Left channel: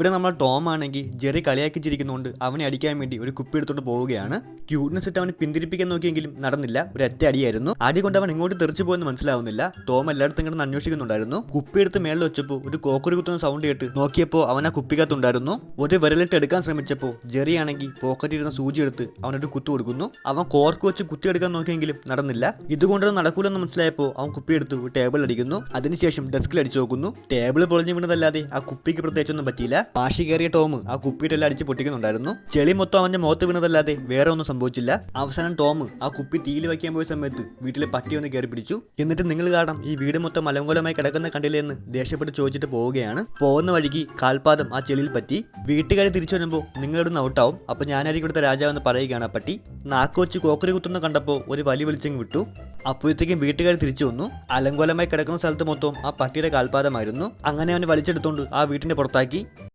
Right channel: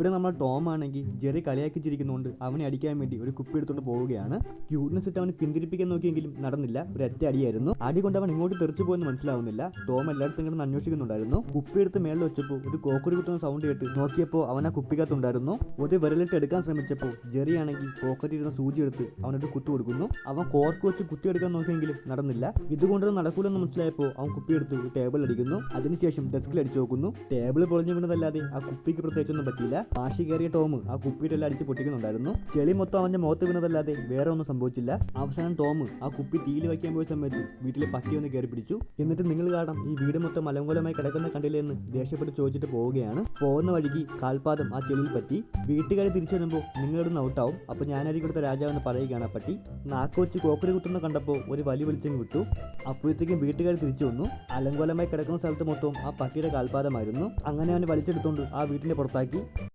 ഇവിടെ നമ്മൾ ടോം ആണെങ്കിൽ ജെറി കളിയാക്കി ചിരിക്കുന്നുണ്ട് അവനെ അടിക്കാൻ വേണ്ടി ഒരു കുപ്പി എടുത്തോണ്ട് പോവുകയാണ്. ക്യൂട്ട്നെസ് ഇട്ട് അവനെ പിന്തിരിപ്പിക്കാൻ നോക്കിയെങ്കിലും നടന്നില്ല. ഒരു ഒറ്റ അടിയായിരുന്നു. അടി കൊണ്ട് അവൻ ഇങ്ങോട്ട് തെറിച്ചു പോയെന്ന് മനസ്സിലാവുന്നില്ല. ടോം എല്ലായിടത്തും കിടന്ന് അന്വേഷിക്കുന്നുണ്ടായിരുന്നു. കുപ്പി എടുത്ത് മേളിൽ വെച്ചപ്പോൾ ഒരു കോക്കറി കുത്തുന്ന സൗണ്ട് കേട്ട് നോക്കിയപ്പോൾ അവൻ ആ കുപ്പിക്കകത്തുണ്ടായിരുന്നു. ഒരു വിരലിട്ട് എടുക്കാൻ ശ്രമിച്ചപ്പോൾ ജെറി ആണെങ്കിൽ പോക്കറ്റിരുന്ന സൂചി എടുത്ത് അവനൊരു കുത്തു കൊടുക്കുന്നു. അവൻ കോർക്ക് വെച്ച് കുത്തിയെടുക്കാൻ നോക്കിയെങ്കിലും നടന്നില്ല. ഇതുകൊണ്ടൊന്നും നടക്കൂലെന്ന് മനസ്സിലായപ്പോൾ അവൻ കുപ്പിയെടുത്ത് ടേബിൾ അടിക്കുന്നു. അതിനുശേഷം ഡെസ്കിൽ അടിച്ചു നോക്കുന്നു. ടേബിൾ പൊളിഞ്ഞു വീണതല്ലാതെ ആ കുപ്പിക്ക് പ്രത്യേകിച്ചൊന്നും പറ്റിയില്ല. വാശി കയറിയ ടോം ആ കുപ്പിയിട്ടെല്ലാം അടിച്ച് പൊട്ടിക്കുന്നുണ്ടായിരുന്നു. ചെളി മൊത്തം അവന്റെ മുഖത്ത് വീണതല്ലാതെ വേറെ ഒന്നും സംഭവിച്ചില്ല. അവസാനം ടോം ആ കുപ്പി തീയിൽ വയ്ക്കാൻ പോയ സമയത്ത് വീട്ടിലെ പട്ടി ഒന്ന് കയറി പിടിച്ചു. എന്നിട്ട് നിങ്ങൾ കാരണം ഈ വീട് മൊത്തം മലങ്കോലമായി കിടക്കുന്ന കണ്ടില്ലേ എന്ന് ദേഷ്യപ്പെട്ട് ചോദിച്ചിട്ട് പോവുകയാണ്. പോകുന്ന വഴിക്ക് കാൽപാദം ആ ചെളിയിൽ പറ്റി. വീട്ടുകാർ തിരിച്ചു വരുമ്പോൾ നിങ്ങളിടുന്ന് ഔട്ടാവും. അപ്പൊ ഞാനായിരിക്കും ഇവിടുത്തെ രാജാവെന്ന് പറയുകയാണ് ആ പട്ടി. നാക്ക് വെച്ച് കോക്കറി കുത്തുന്ന കണ്ടപ്പോൾ ഒരു വലി വലിച്ചെങ്ങ് വിട്ടു. അപ്പോഴത്തേക്കും വീട്ടുകാർ തിരിച്ചു വന്നു. അലങ്കോലമായി കിടക്കുന്ന സ്ഥലത്ത് മൊത്തം ആ പട്ടിയുടെ കാൽപാദമായിരുന്നു. അങ്ങനെ അവനെ വലിച്ചെടുത്തോണ്ട് ആ വീട്ടിന്റെ പുറത്താക്കി.